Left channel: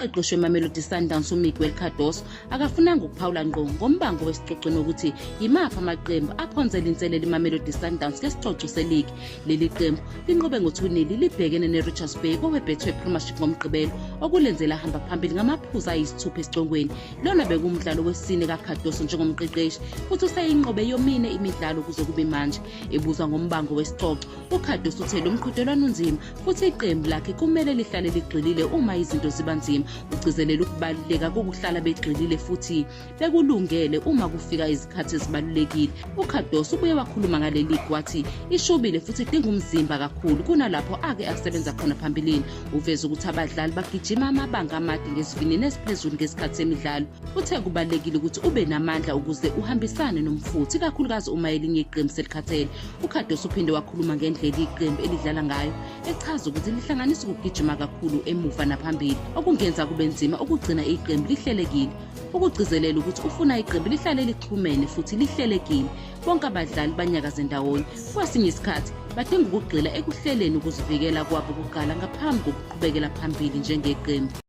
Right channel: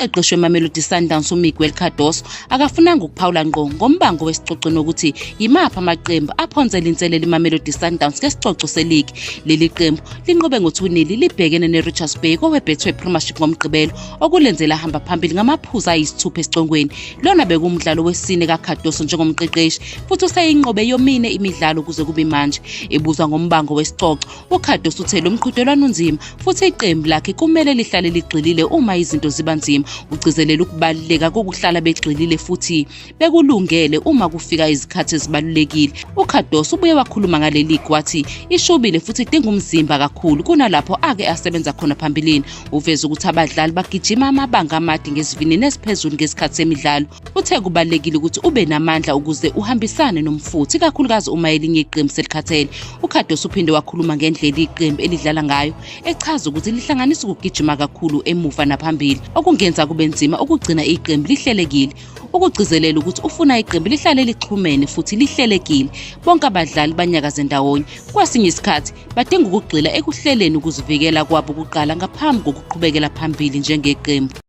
umqeqeshi weMamelodi Sundowns uMiguel Cardoso akafunanga ukuphawula ngqo ngombango wesicoco nokuthi yimaphi amaqembu aphonzela inselelo iMamelodi Sundowns ngesicoco seligi. Leli qembu linqobe ngo2-0 libhekene neRichards Bay kowebhethwe Premiership ngomgqibelo okulenzela hamba phambili ngamaphuzu ayisithupha esicongweni. Lona bekumdlalo wesine kaCardoso njengomqeqeshi futhi useyinqobe yomine imidlalo kuze kube manje. Ebuzwa ngombango wesicoco, uCardoso uthe lo mqhudelwano unzima futhi iqembu lakhe kumele lihlale ligxilile uma izinto ziba nzima. Ugcizelela ukubaluleka kokuhlala begxilile futhi bekulungele uma kufika izikhathi ezibalulekile. uCardoso ubuye wakhuluma ngaleli ligi wathi ishubile futhi idinga umzimba kakhulu kunalapho ake asebenza khona phambilini. Uveza ukuthi abadlali bagijima amabanga amade ngesivinini esiphezulu ngesikhathi semidlalo. Uthe kubalulekile ukuthi ube namandla ukuze uhambisane nomfuthi kakhulukazi uma elinye iqembu selikhathele. uCardoso uphinde wakhuluma ngendlela iqembu elidlala ngayo, echaza ukuthi lihlanganisa ukugijima kakhulu emuva naphambili okungenza kube nzima ukugcina iqembu lihlelekile. Ukugcizelela ukuthi ufuna iqembu lihlale lixhumene futhi lihlelekile, bonke abadlali banyakaze ndawonye. Kwasinye isikhathi badinga ukugxila ekuhleleni ukuzivikela kwabo kuqala ngaphambi kokuqhubekela phambili njengeqembu.